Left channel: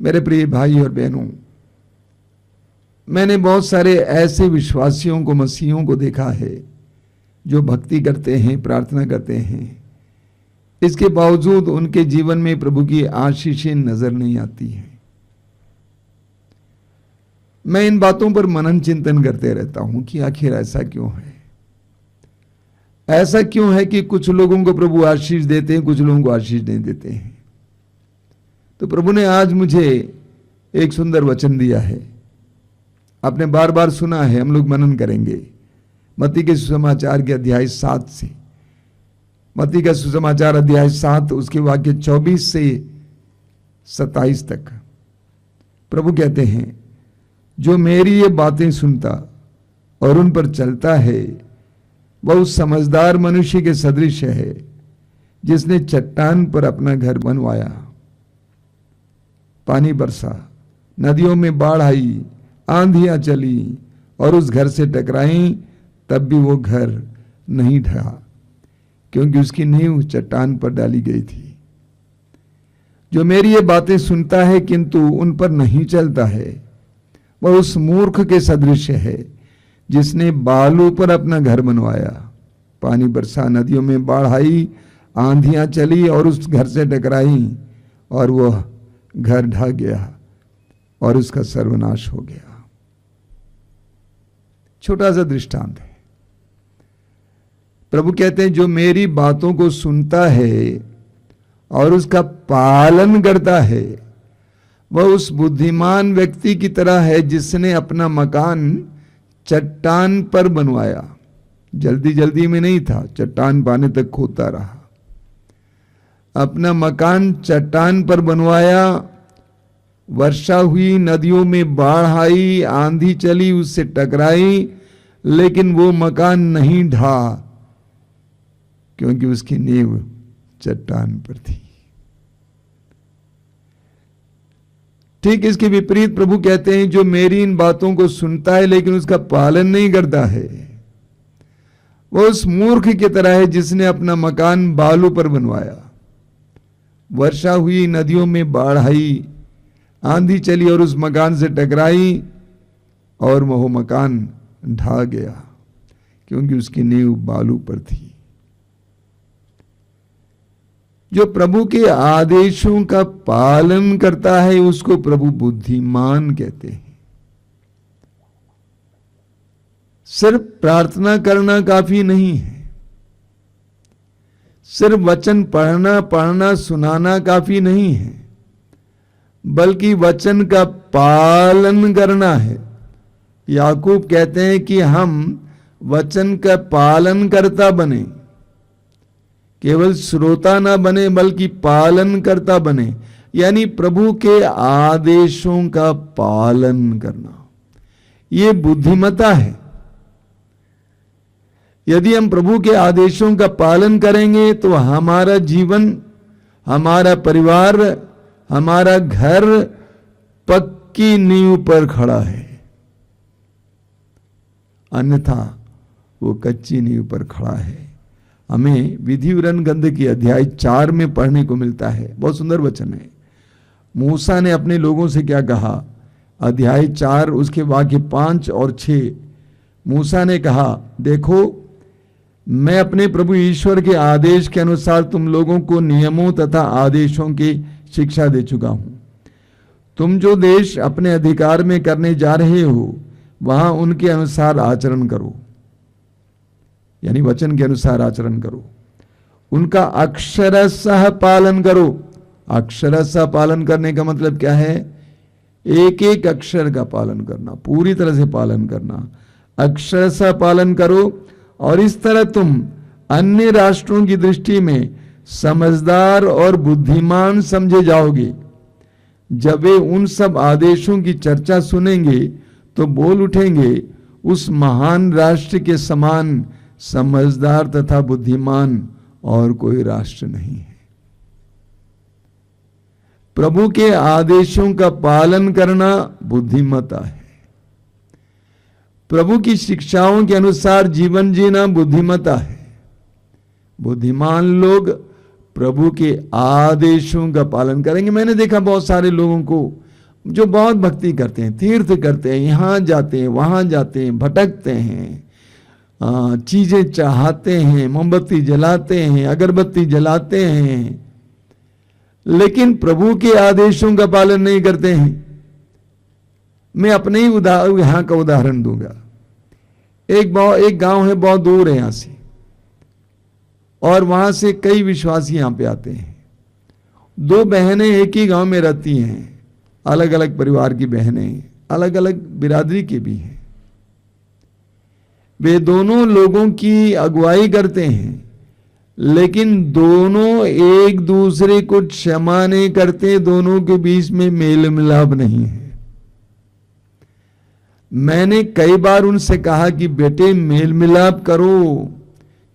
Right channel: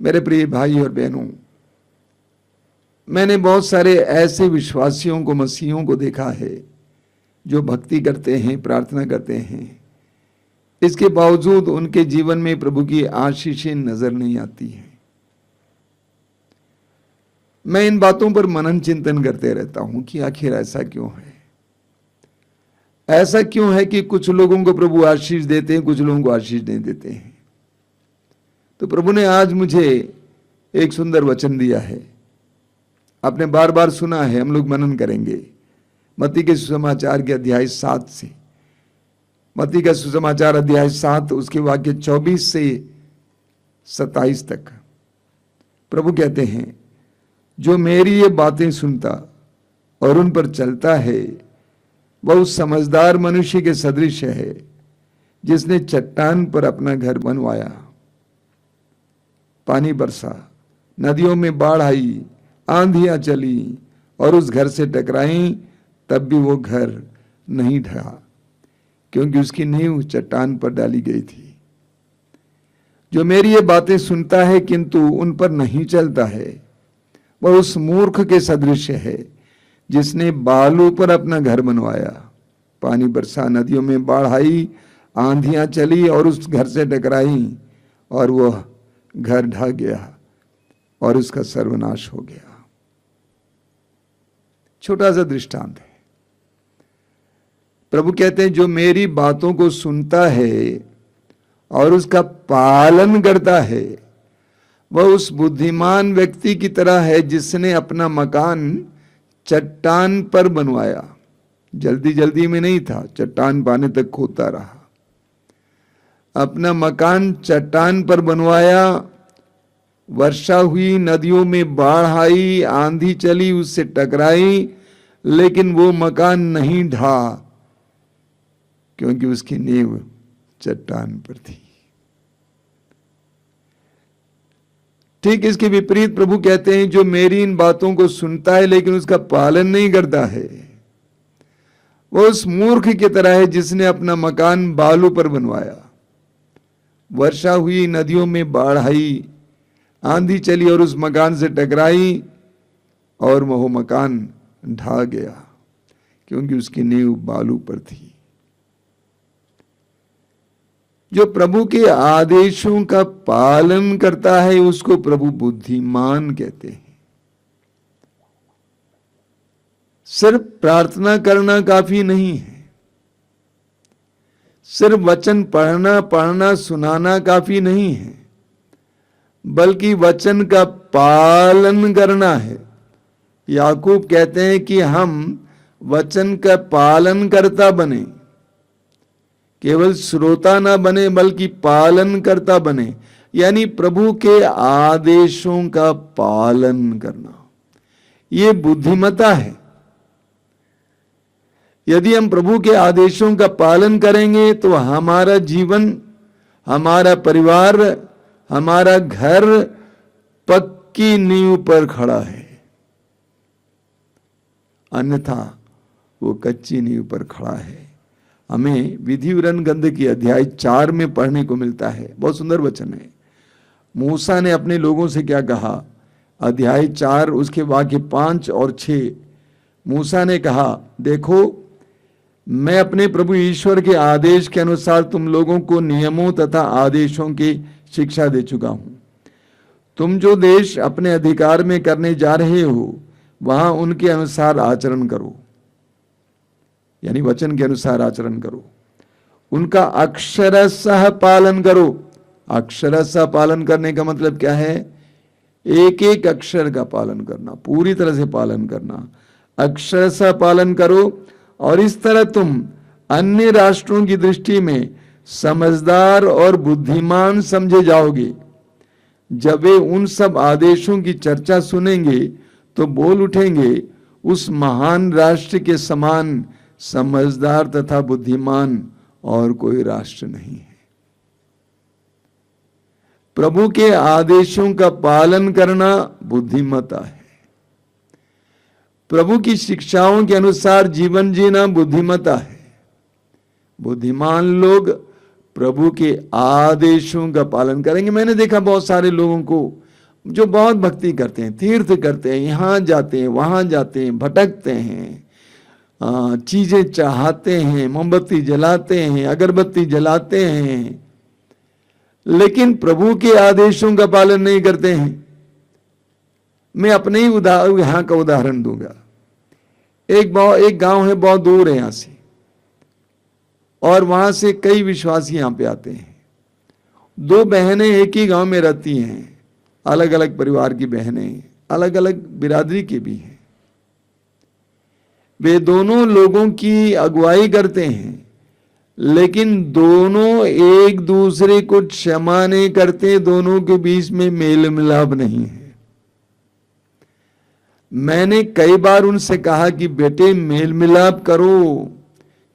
मेरे प्रिय भाई और बहनों, मैंने बहुत सारे ऐसे विश्वासियों को, मसीहों को देखा है जो भक्ति करते हैं, प्रार्थना करते हैं, इसके बावजूद उनके जीवन में प्रभु की आशीषें नजर नहीं आती हैं। मैं इन बातों पर मनन चिंतन करते रहता हूं कि आखिर ऐसा क्यों है। ऐसा क्यों है कि कुछ लोगों को प्रभु आशीष देते हैं, कुछ लोगों को आशीष नहीं देते हैं। तो प्रभु ने आज मुझे एक सुंदर वचन दिया है, आपने बार बार सुना है, हम लोग मनन करेंगे मत्ती के सुसमाचार के अध्याय 7 से। मत्ती का सुसमाचार अध्याय 7 उसके वाक्य 24 से 27 तक प्रभु कहते हैं, जो मेरी ये बातें सुनता और उन पर चलता है वह उस समझदार मनुष्य के सदृश है जिसने चट्टान पर अपना घर बनवाया। पानी बरसा, नदियों में बाढ़ आई, आंधियां चली और उस घर से टकराई, तब भी वो घर नहीं ढहा, क्योंकि उसकी नींव चट्टान पर डाली गई थी। जो मेरी ये बातें सुनता है किंतु उन पर नहीं चलता है, वह उस मूर्ख के सदृश है जिसने बालू पर अपना घर बनवाया। पानी बरसा, नदियों में बाढ़ आई, आंधियां चली और उस घर से टकराई, और वह घर ढह गया और उसका सर्वनाश हो गया। छोटा सा दृष्टांत है। प्रभु कहते हैं, जो मेरी बातों को सुनता है और उसका पालन करता है वह उस बुद्धिमान व्यक्ति की तरह है जिसने अपना मकान चट्टान पर बनवाया। जल्दी जल्दी में नहीं था, चट्टान पाने तक खोदता रहा। अपना मकान चट्टान पर बनवाया, वर्षा हुई, नदियों में बाढ़ आई, आंधी चली, उससे टकराई, लेकिन वो मकान नहीं ढहा, क्योंकि उसकी नींव चट्टान पर थी। ठीक इसके विपरीत प्रभु कहते हैं, जो मेरी इन बातों को सुनता है लेकिन उसका पालन नहीं करता है, वो उस मूर्ख की तरह है जिसने अपना मकान बालू पर बनवाया। वर्षा हुई, नदियों में बाढ़ आई, आंधी चली और उस मकान से टकराई, और वह मकान ढह गया, क्योंकि उसकी नींव बालू पर थी। जो प्रभु के आदेशों का पालन करता है उसको प्रभु बुद्धिमान कहते हैं। सिर्फ प्रार्थना करना काफी नहीं है, सिर्फ वचन पढ़ना सुनाना काफी नहीं है, बल्कि वचन का पालन करना है। याकूब कहते हैं कि हम वचन का पालन करता बने, केवल श्रोता ना बने बल्कि पालन करता बने, यानी प्रभु के आदेशों का पालन करना। ये बुद्धिमता है। यदि हम प्रभु के आदेशों का पालन करेंगे तो हमारा जीवन, हमारा परिवार, हमारा घर पक्की नींव पर खड़ा है, अन्यथा वो कच्ची नींव पर खड़ा है। हमें विधि विवरण ग्रंथ की अध्याय 4 में पढ़ने को मिलता है, बहुत सुंदर वचन है। मूसा ने अपने लोगों से क्या कहा, अध्याय 4 उसके वाक्य 5 और 6। मूसा ने कहा, देखो मैं अपने प्रभु ईश्वर के आदेश के अनुसार तुम लोगों को नियमों तथा आदेशों की शिक्षा दे चुका हूं। तुम जो देश अपने अधिकार में करने जा रहे हो वहां उनके अनुसार आचरण करो, यानी वचन के अनुसार आचरण करो, उनका अक्षरशः पालन करो। अक्षरशः पालन करने का मतलब क्या है? एक एक अक्षर का पालन करना, पूरी तरह से पालन करना। अक्षरशः पालन करो, और इस तरह तुम अन्य राष्ट्रों की दृष्टि में समझदार और बुद्धिमान समझे जाओगे। जब वे उन सब आदेशों की चर्चा सुनेंगे तो बोल उठेंगे, उस महान राष्ट्र के समान समझदार तथा बुद्धिमान और कोई राष्ट्र नहीं है। प्रभु के आदेशों का पालन करना बुद्धिमता है। प्रभु की शिक्षाओं के अनुसार जीवन जीना बुद्धिमता है। बुद्धिमान लोग प्रभु के आदेशों का पालन करेंगे। मैंने देखा बहुत सारे लोगों को जो बहुत भक्ति करते हैं, तीर्थ करते हैं, यहाँ जाते हैं वहाँ जाते हैं, भटकते हैं, चीजें चाहते हैं, मोमबत्ती जलाते हैं, अगरबत्ती जलाते हैं, लेकिन प्रभु के आदेशों का पालन नहीं करते हैं। मैं अपने ही यहाँ का उदाहरण दूंगा। एक गांव है, बहुत दूर है यहां से, और वहां से कई विश्वासी यहां पे आते हैं। दो बहनें एक ही गांव में रहती हैं, अलग अलग परिवार की बहनें, अलग अलग बिरादरी के भी हैं। वे दोनों लोगों की अगुवाई करते हैं, लेकिन दोनों एक दूसरे को क्षमा नहीं करते, दोनों के बीच में मेल मिलाप नहीं है। मैंने कई बार उनसे कहा कि बेटे मेल मिलाप करो,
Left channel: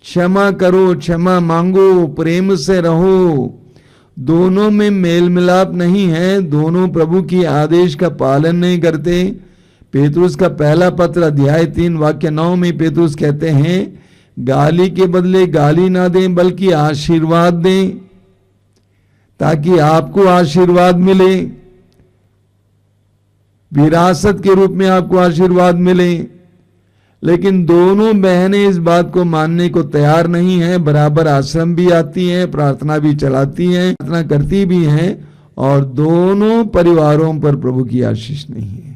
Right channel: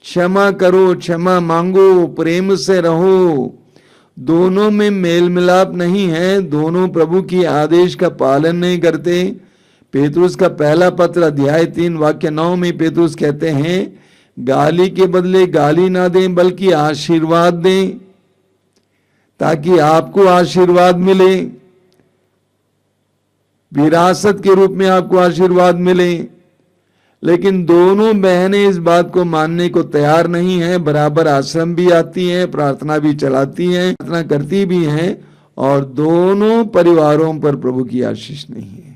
क्षमा करो, क्षमा मांगो, प्रेम से रहो। दोनों में मेल मिलाप नहीं है, दोनों प्रभु की आदेश का पालन नहीं करते। पेतरुस का पहला पत्र अध्याय 3 वाक्य 9 में पेतरुस कहते हैं, गाली के बदले गाली ना दें बल्कि आशीर्वाद दें, ताकि आपको आशीर्वाद मिले, विरासत के रूप में आपको आशीर्वाद मिले। लेकिन दोनों बहनें इस बात को मानने को तैयार नहीं है। बराबर आश्रम भी आती हैं, प्रार्थना भी चलाती हैं, प्रार्थना करती भी हैं, और दोनों परिवारों पर प्रभु की आशीष नहीं है।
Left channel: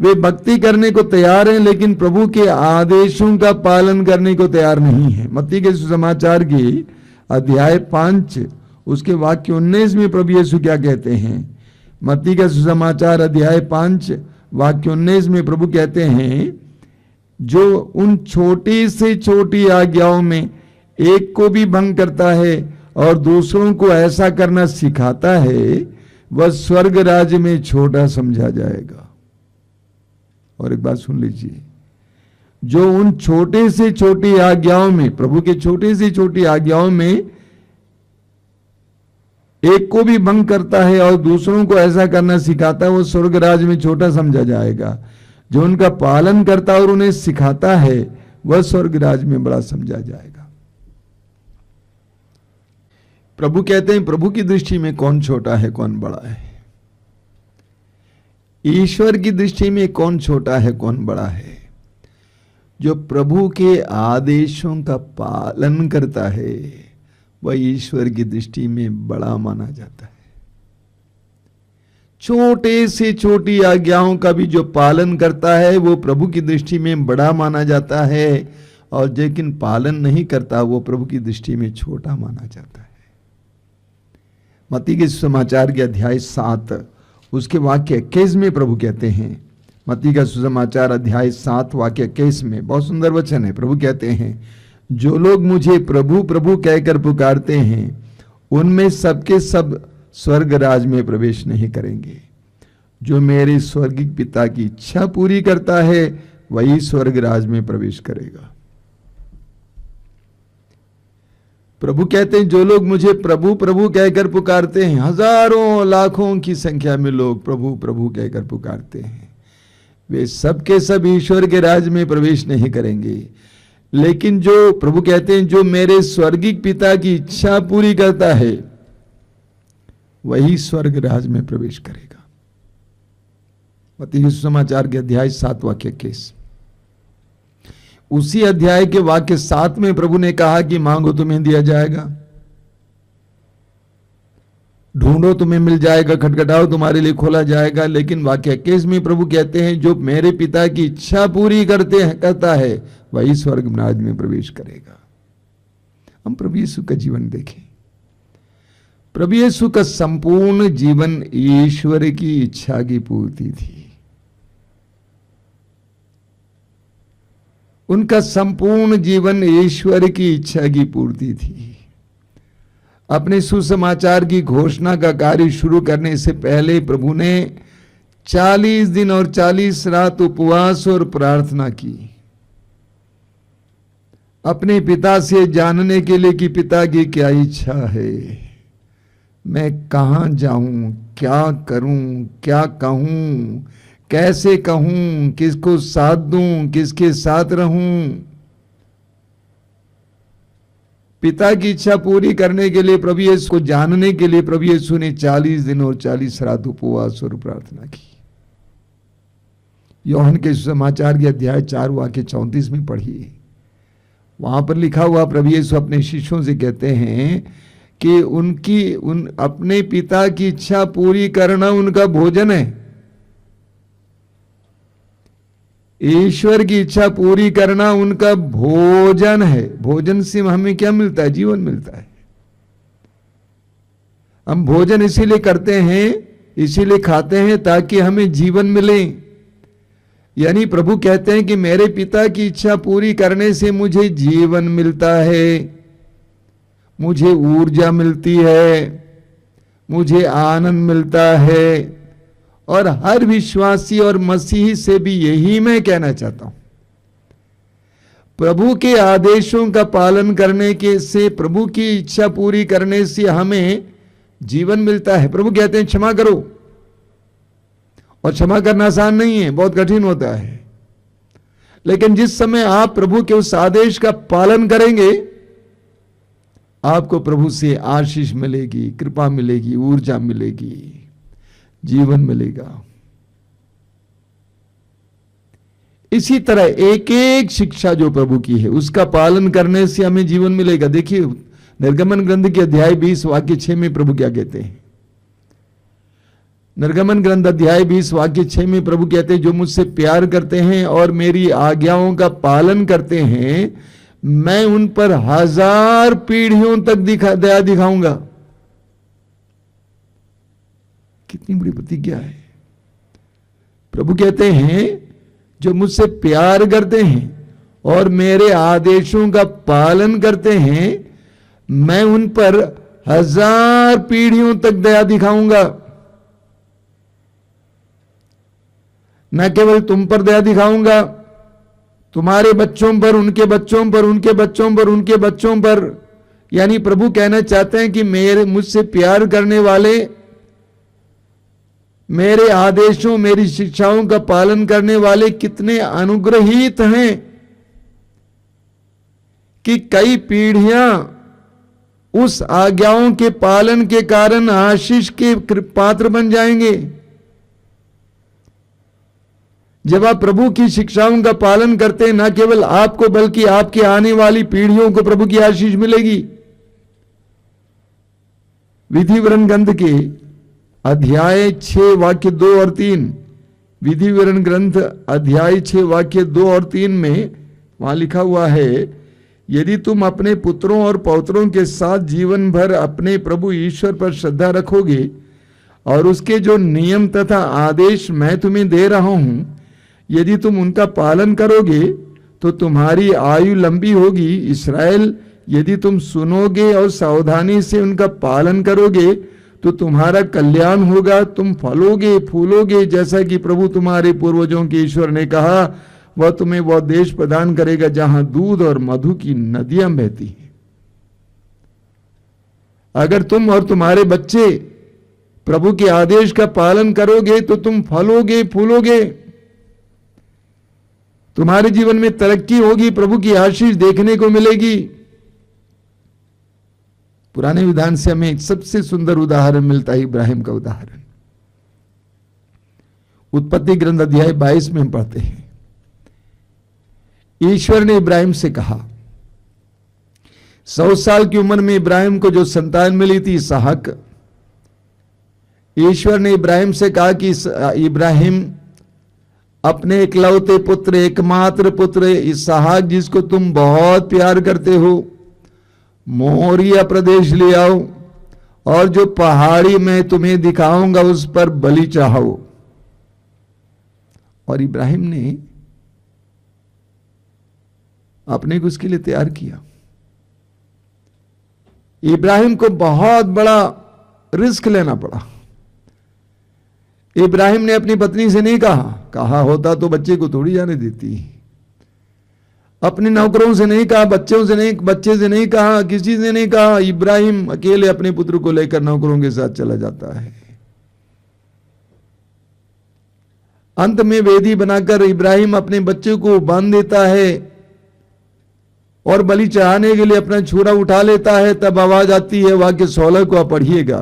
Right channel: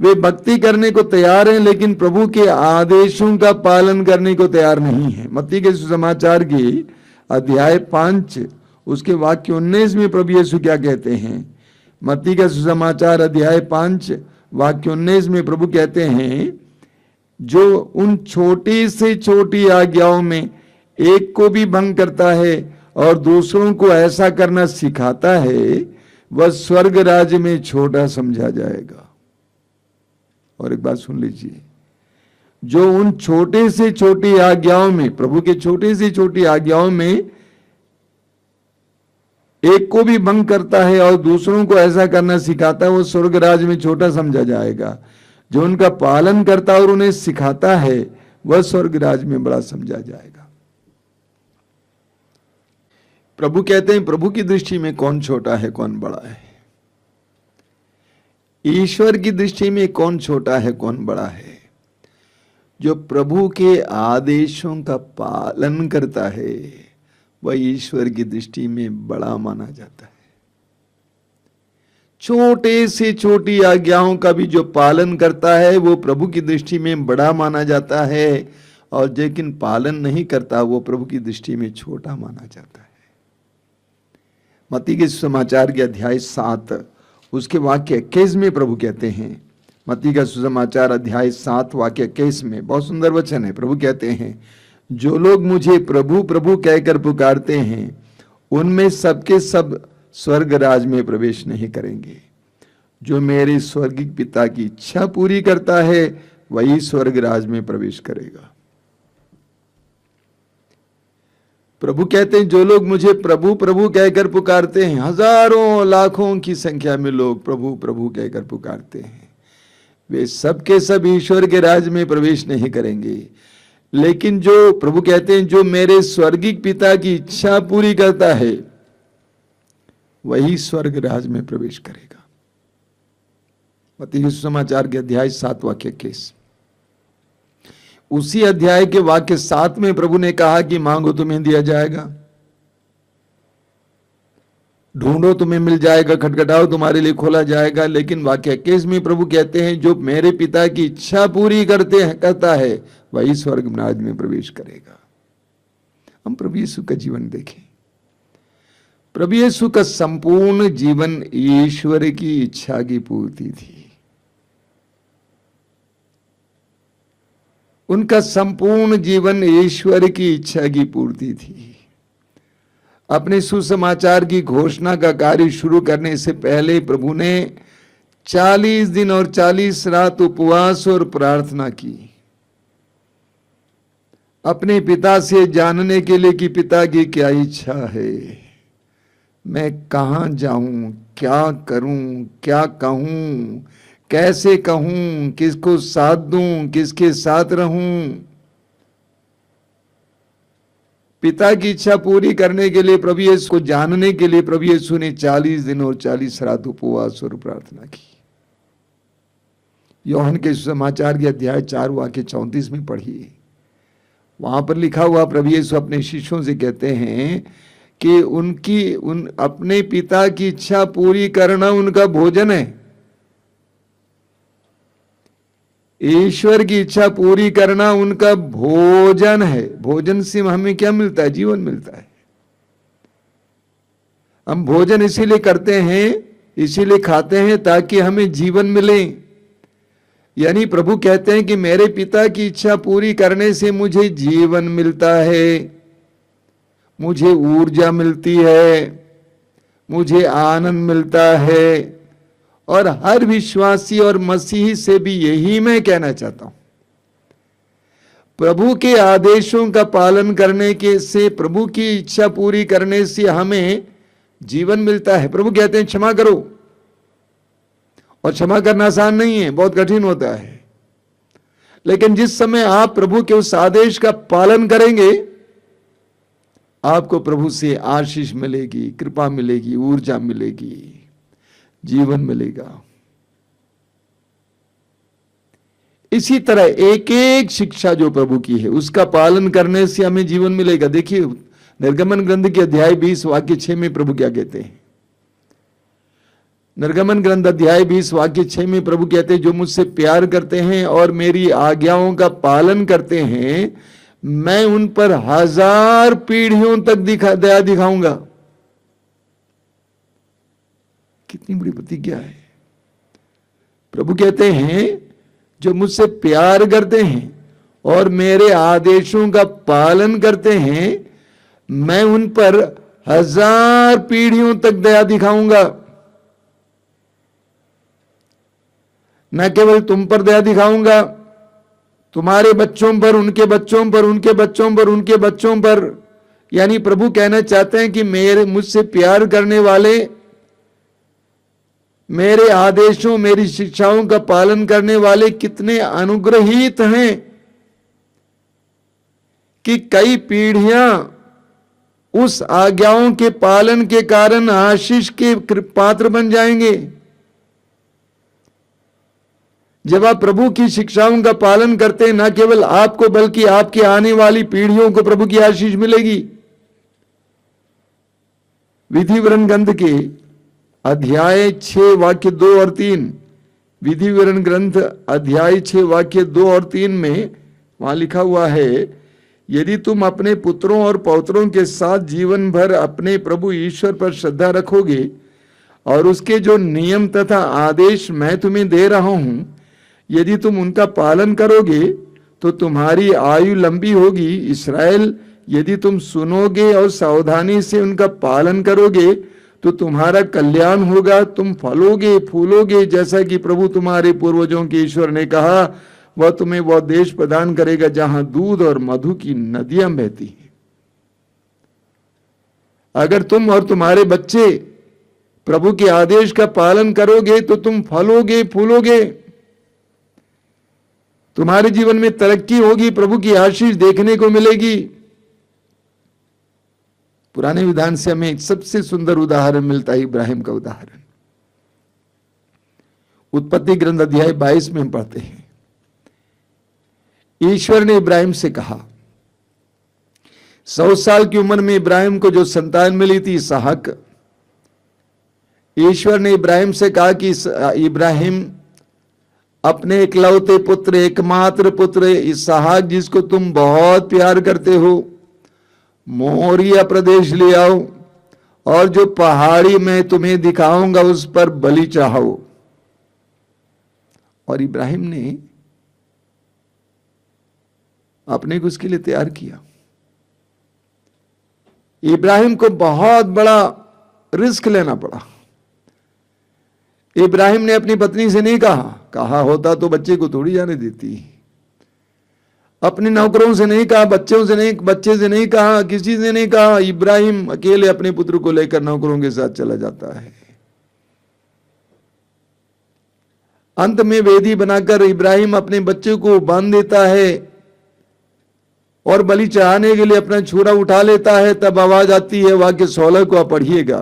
वे भक्ति करने को तैयार हैं, लेकिन प्रभु के आदेशों का पालन करने को तैयार नहीं है। मत्ती के सुसमाचार की अध्याय 5 उसके वाक्य 19 में प्रभु यीशु क्या कहते हैं? मत्ती का सुसमाचार अध्याय 5 वाक्य 19 में प्रभु कहते हैं, जो उन छोटी से छोटी आज्ञाओं में एक को भी भंग करता है और दूसरों को ऐसा करना सिखाता है, वह स्वर्ग राज्य में छोटा समझा जाएगा। और एक बात सुन लीजिए, जो उन छोटे से छोटी आज्ञाओं में, प्रभु के छोटे से छोटी आज्ञाओं में एक को भी भंग करता है और दूसरों को ऐसा करना सिखाता है, वो स्वर्ग राज्य में छोटा समझा जाएगा। जो उनका पालन करता है और उन्हें सिखाता है, वह स्वर्ग राज्य में बड़ा समझा जाएगा। प्रभु कहते हैं, प्रभु की दृष्टि में कौन छोटा है कौन बड़ा है? ईश्वर की दृष्टि में कौन छोटा है कौन बड़ा है? जो प्रभु के आदेशों का पालन करता है, वह ईश्वर की दृष्टि में बड़ा माना जाता है। छोटे से छोटी आज्ञाओं का भी जो पालन करता है, वो प्रभु की दृष्टि में बड़ा माना जाता है, और लेकिन पालन नहीं करता, वो प्रभु की दृष्टि में छोटा माना जाता है। मत्ती के सुसमाचार के अध्याय 7 उसके वाक्य 21 में प्रभु कहते हैं, मत्ती का सुसमाचार अध्याय 7 वाक्य 21 में बहुत सुंदर वचन है। प्रभु कहते हैं, जो लोग मुझे प्रभु प्रभु कहकर पुकारते हैं, उनमें सबके सब स्वर्ग राज में प्रवेश नहीं करेंगे। जो मेरे स्वर्गिक पिता की इच्छा पूरी करता है, वही स्वर्ग राज में प्रवेश करेगा। प्रभु कहते हैं, जो लोग मुझे प्रभु प्रभु कहकर पुकारते हैं, हजारों लाखों की संख्या में लोग प्रभु प्रभु कहकर पुकारते हैं, वे सबके सब ईश्वर के राज में प्रवेश नहीं करेंगे। लेकिन जो प्रभु कहते हैं, जो मेरे स्वर्गिक पिता की इच्छा पूरी करता है, वही स्वर्ग राज में प्रवेश करेगा। मत्ती के सुसमाचार के अध्याय 7 वाक्य 21। उसी अध्याय के वाक्य 7 में प्रभु ने कहा कि मांगो तुम्हें दिया जाएगा, ढूंढो तुम्हें मिल जाएगा, खटखटाओ तुम्हारे लिए खोला जाएगा। लेकिन वाक्य 21 में प्रभु कहते हैं, जो मेरे पिता की इच्छा पूरी करता है, वही स्वर्ग राज में प्रवेश करेगा। हम प्रभु यीशु का जीवन देखें। प्रभु यीशु का संपूर्ण जीवन ईश्वर की इच्छा की पूर्ति थी। उनका संपूर्ण जीवन ईश्वर की इच्छा की पूर्ति थी। अपने सुसमाचार की घोषणा का कार्य शुरू करने से पहले प्रभु ने 40 दिन और 40 रात उपवास और प्रार्थना की, अपने पिता से जानने के लिए कि पिता की क्या इच्छा है, मैं कहां जाऊं, क्या करूं, क्या कहूं, कैसे कहूं, किसको साथ दूं, किसके साथ रहूं। पिता की इच्छा पूरी करने के लिए, प्रभु यीशु को जानने के लिए प्रभु यीशु ने 40 दिन और 40 रात उपवास और प्रार्थना की। यूहन्ना के समाचार के अध्याय 4 वाक्य 34 में पढ़िए, वहां पर लिखा हुआ प्रभु यीशु अपने शिष्यों से कहते हैं कि अपने पिता की इच्छा पूरी करना उनका भोजन है। ईश्वर की इच्छा पूरी करना उनका भोजन है। भोजन से हमें क्या मिलता है? जीवन मिलता है। हम भोजन इसीलिए करते हैं, इसीलिए खाते हैं ताकि हमें जीवन मिले। यानी प्रभु कहते हैं कि मेरे पिता की इच्छा पूरी करने से मुझे जीवन मिलता है, मुझे ऊर्जा मिलती है, मुझे आनंद मिलता है। और हर विश्वासी और मसीही से भी यही मैं कहना चाहता हूं। प्रभु के आदेशों का पालन करने के से, प्रभु की इच्छा पूरी करने से हमें जीवन मिलता है। प्रभु कहते हैं क्षमा करो, और क्षमा करना आसान नहीं है, बहुत कठिन होता है। लेकिन जिस समय आप प्रभु के उस आदेश का पालन करेंगे, आपको प्रभु से आशीष मिलेगी, कृपा मिलेगी, ऊर्जा मिलेगी, जीवन मिलेगा। इसी तरह एक एक शिक्षा जो प्रभु की है उसका पालन करने से हमें जीवन मिलेगा। देखिए निर्गमन ग्रंथ के अध्याय 20 वाक्य 6 में प्रभु क्या कहते हैं? निर्गमन ग्रंथ अध्याय 20 वाक्य 6 में प्रभु कहते हैं, जो मुझसे प्यार करते हैं और मेरी आज्ञाओं का पालन करते हैं, मैं उन पर 1000 पीढ़ियों तक दया दिखाऊंगा। कितनी बड़ी प्रतिज्ञा है। प्रभु कहते हैं जो मुझसे प्यार करते हैं और मेरे आदेशों का पालन करते हैं, मैं उन पर 1000 पीढ़ियों तक दया दिखाऊंगा। न केवल तुम पर दया दिखाऊंगा, तुम्हारे बच्चों पर, उनके बच्चों पर, उनके बच्चों पर, उनके बच्चों पर। यानी प्रभु कहना चाहते हैं कि मुझसे प्यार करने वाले, मेरे आदेशों, मेरी शिक्षाओं का पालन करने वाले कितने अनुग्रहित हैं कि कई पीढ़ियां उस आज्ञाओं के पालन के कारण आशीष के पात्र बन जाएंगे। जब आप प्रभु की शिक्षाओं का पालन करते हैं, न केवल आपको बल्कि आपके आने वाली पीढ़ियों को प्रभु की आशीष मिलेगी। विधि विवरण ग्रंथ के अध्याय 6 वाक्य 2 और 3, विधि विवरण ग्रंथ अध्याय 6 वाक्य 2 और 3 में वहां लिखा हुआ है, यदि तुम अपने पुत्रों और पौत्रों के साथ जीवन भर अपने प्रभु ईश्वर पर श्रद्धा रखोगे और उसके जो नियम तथा आदेश मैं तुम्हें दे रहा हूं, यदि तुम उनका पालन करोगे तो तुम्हारी आयु लंबी होगी। इस्राएल, यदि तुम सुनोगे और सावधानी से उनका पालन करोगे तो तुम्हारा कल्याण होगा, तुम फलोगे फूलोगे, जैसा कि प्रभु तुम्हारे पूर्वजों के ईश्वर ने कहा, वह तुम्हें वह देश प्रदान करेगा जहां दूध और मधु की नदियां बहती हैं। अगर तुम और तुम्हारे बच्चे प्रभु के आदेश का पालन करोगे तो तुम फलोगे फूलोगे, तुम्हारे जीवन में तरक्की होगी, प्रभु की आशीष देखने को मिलेगी। पुराने विधान से हमें एक सबसे सुंदर उदाहरण मिलता है, इब्राहिम का उदाहरण। उत्पत्ति ग्रंथ अध्याय 22 में हम पढ़ते हैं, ईश्वर ने इब्राहिम से कहा, 100 साल की उम्र में इब्राहिम को जो संतान मिली थी इसहाक, ईश्वर ने इब्राहिम से कहा कि इब्राहिम अपने इकलौते पुत्र, एकमात्र पुत्र इसहाक, जिसको तुम बहुत प्यार करते हो, मोरिया प्रदेश ले आओ और जो पहाड़ी मैं तुम्हें दिखाऊंगा उस पर बलि चढ़ाओ। और इब्राहिम ने अपने को उसके लिए तैयार किया। इब्राहिम को बहुत बड़ा रिस्क लेना पड़ा। इब्राहिम ने अपनी पत्नी से नहीं कहा होता तो बच्चे को थोड़ी जाने देती, अपने नौकरों से नहीं कहा, बच्चे से नहीं कहा, किसी से नहीं कहा। इब्राहिम अकेले अपने पुत्र को लेकर नौकरों के साथ चला जाता है। अंत में वेदी बनाकर इब्राहिम अपने बच्चे को बांध देता है और बलि चढ़ाने के लिए अपना छुरा उठा लेता है, तब आवाज आती है वाक्य 16 को आप पढ़िएगा।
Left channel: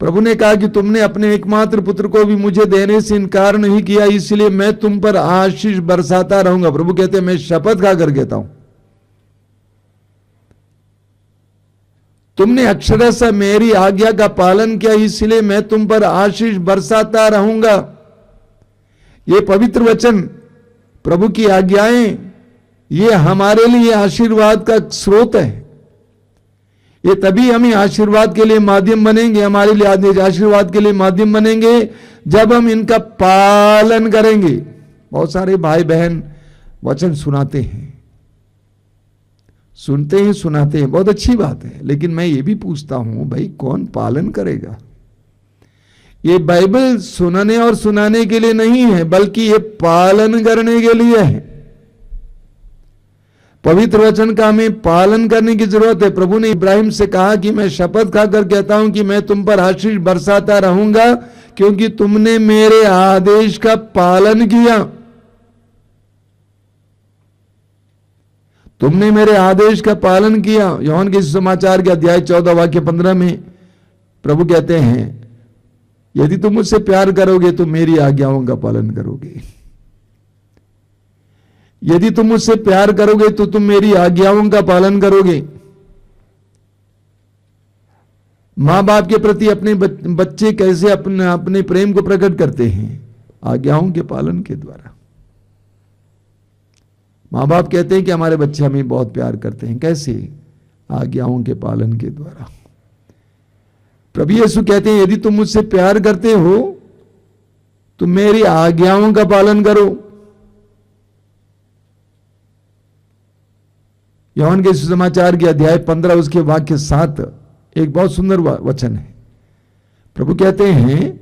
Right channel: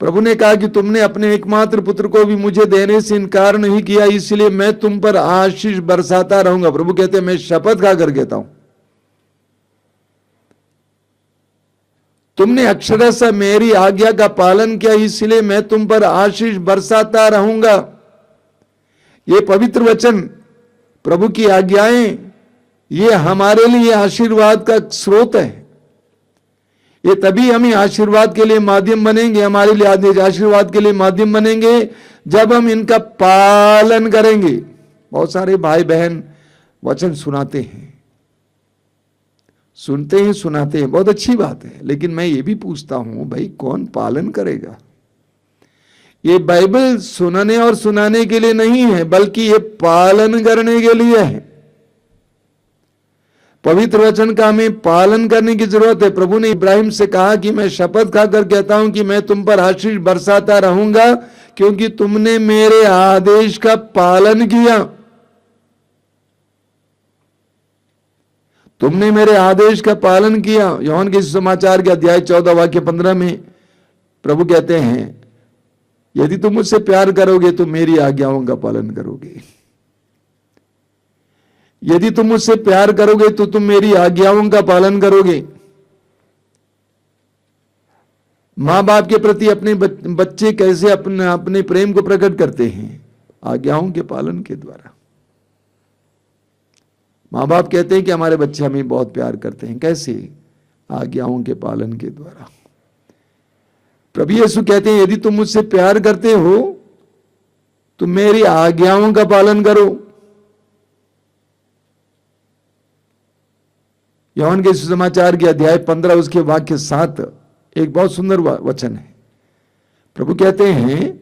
प्रभु ने कहा कि तुमने अपने एकमात्र पुत्र को भी मुझे देने से इनकार नहीं किया, इसलिए मैं तुम पर आशीष बरसाता रहूंगा। प्रभु कहते हैं मैं शपथ खाकर कहता हूं, तुमने अक्षरशः मेरी आज्ञा का पालन किया, इसलिए मैं तुम पर आशीष बरसाता रहूंगा। ये पवित्र वचन, प्रभु की आज्ञाएं, ये हमारे लिए आशीर्वाद का स्रोत है। ये तभी हमें आशीर्वाद के लिए माध्यम बनेंगे, हमारे लिए आशीर्वाद के लिए माध्यम बनेंगे जब हम इनका पालन करेंगे। बहुत सारे भाई बहन वचन सुनाते हैं, सुनते हैं, सुनाते हैं, बहुत अच्छी बात है, लेकिन मैं ये भी पूछता हूं भाई कौन पालन करेगा? ये बाइबल सुनाने और सुनाने के लिए नहीं है, बल्कि ये पालन करने के लिए है। पवित्र वचन का हमें पालन करने की जरूरत है। प्रभु ने इब्राहिम से कहा कि मैं शपथ खाकर कहता हूं कि मैं तुम पर आशीष बरसाता रहूंगा, क्योंकि तुमने मेरे आदेश का पालन किया। तुमने मेरे आदेश का पालन किया। यूहन्ना के सुसमाचार के अध्याय 14 वाक्य 15 में प्रभु कहते हैं, यदि तुम मुझसे प्यार करोगे तो मेरी आज्ञाओं का पालन करोगे। यदि तुम मुझसे प्यार करोगे तो तुम मेरी आज्ञाओं का पालन करोगे। मां बाप के प्रति अपने बच्चे कैसे अपने प्रेम को प्रकट करते हैं? आज्ञाओं के पालन के द्वारा। मां बाप कहते हैं कि हमारे बच्चे हमें बहुत प्यार करते हैं, कैसे? आज्ञाओं के पालन के द्वारा। प्रभु यीशु कहते हैं यदि तुम मुझसे प्यार करते हो तो मेरी आज्ञाओं का पालन करो। यूहन्ना के सुसमाचार के अध्याय 15 उसके वाक्य 7 एक बहुत सुंदर वचन है। प्रभु कहते हैं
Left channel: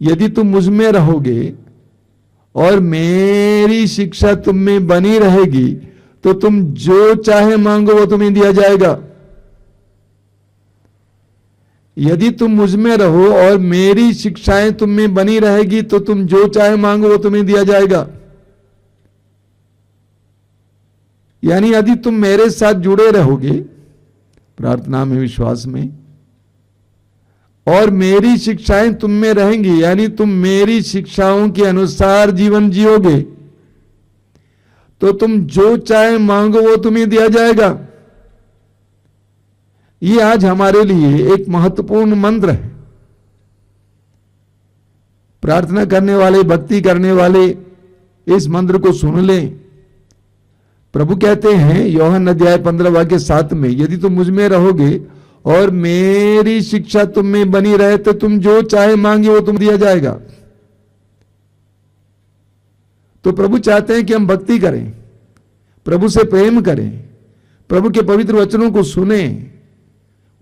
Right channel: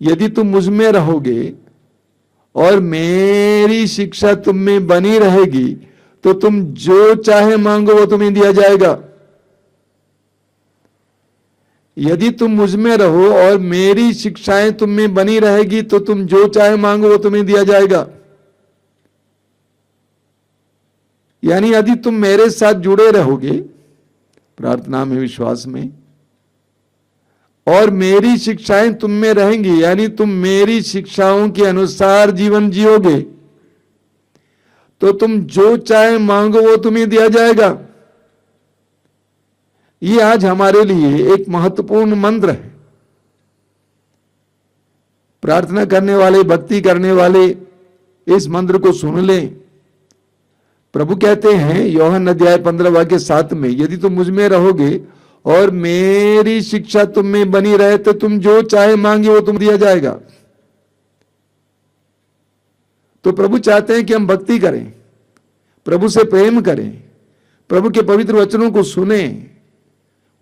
यदि तुम मुझ में रहोगे और मेरी शिक्षा तुम में बनी रहेगी तो तुम जो चाहे मांगो वो तुम्हें दिया जाएगा। यदि तुम मुझ में रहो और मेरी शिक्षाएं तुम में बनी रहेगी तो तुम जो चाहे मांगो वो तुम्हें दिया जाएगा। यानी यदि तुम मेरे साथ जुड़े रहोगे प्रार्थना में, विश्वास में, और मेरी शिक्षाएं तुम में रहेंगी, यानी तुम मेरी शिक्षाओं के अनुसार जीवन जियोगे, तो तुम जो चाहे मांगो वो तुम्हें दिया जाएगा। ये आज हमारे लिए एक महत्वपूर्ण मंत्र है। प्रार्थना करने वाले, भक्ति करने वाले इस मंत्र को सुन लें। प्रभु कहते हैं यूहन्ना अध्याय 15 वाक्य 7 में, यदि तुम मुझ में रहोगे और मेरी शिक्षा तुम में बनी रहे तो तुम जो चाहे मांगे वो तुम दिया जाएगा। तो प्रभु चाहते हैं कि हम भक्ति करें, प्रभु से प्रेम करें, प्रभु के पवित्र वचनों को सुने।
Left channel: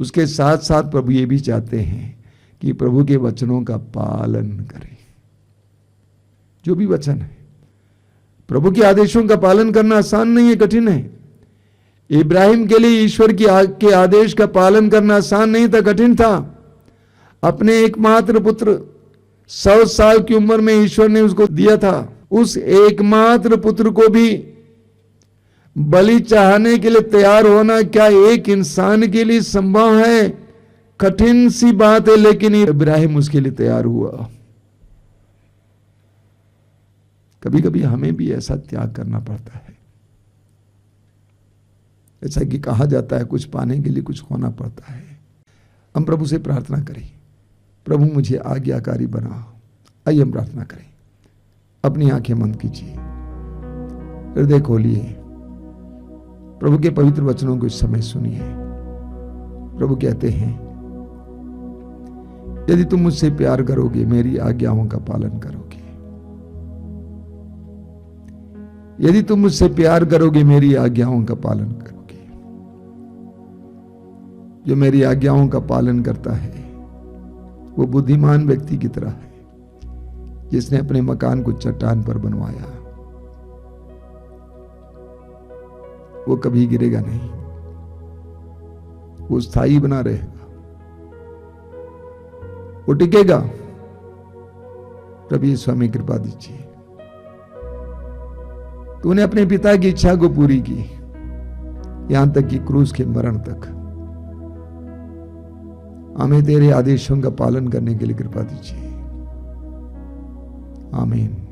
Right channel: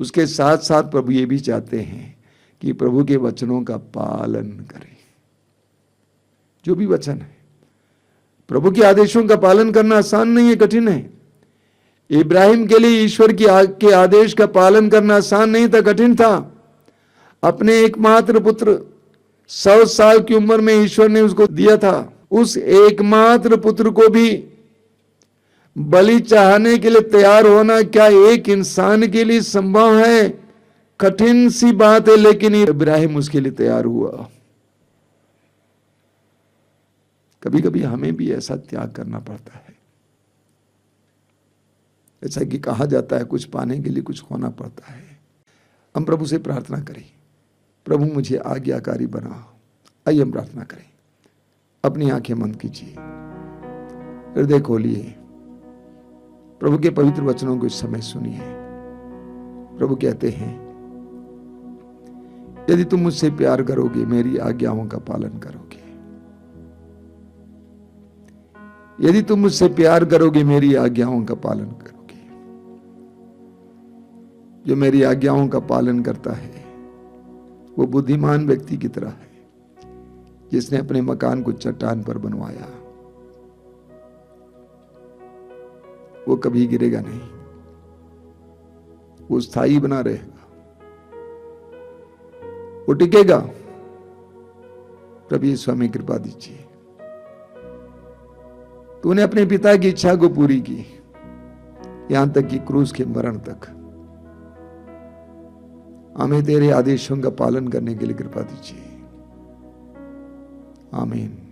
उसके साथ साथ प्रभु ये भी चाहते हैं कि प्रभु के वचनों का पालन करें। जो भी वचन है, प्रभु के आदेशों का पालन करना आसान नहीं है, कठिन है। इब्राहिम के लिए ईश्वर के आदेश का पालन करना आसान नहीं था, कठिन था। अपने एकमात्र पुत्र 100 साल की उम्र में ईश्वर ने उसको दिया था। उस एकमात्र पुत्र को भी बलि चढ़ाने के लिए तैयार होना क्या एक इंसान के लिए संभव है? कठिन सी बात है, लेकिन इब्राहिम उसके लिए तैयार हुआ। कभी कभी हमें भी ऐसा त्याग करना पड़ता है। ऐसा कि कहा जाता है कुछ पाने के लिए कुछ खोना पड़ता है। हम प्रभु से प्रार्थना करें, प्रभु मुझे आज्ञाकारी बना। आइए हम प्रार्थना करें। अपनी आंखें बंद कीजिए, हृदय खोलिए, प्रभु के पवित्र वचनों को इस समय सुनिए। प्रभु कहते हैं यदि तुम मुझसे प्यार करोगे मेरी आज्ञाओं का पालन करोगे। यदि तुम मुझसे प्यार करोगे मेरी आज्ञाओं का पालन करोगे। जो मेरी आज्ञाओं का पालन करता है वो बुद्धिमान व्यक्ति की तरह है जिसने अपने मकान को चट्टान पर बनवाया। वो कभी गिरेगा नहीं, वो स्थायी बना रहेगा, वो टिकेगा। प्रभु यीशु हमें कृपा दीजिए। तूने अपने पिता की इच्छा को पूरी की, यहां तक कि क्रूस के मरण तक। हमें तेरे आदेशों का पालन करने के लिए कृपा दीजिए। आमीन।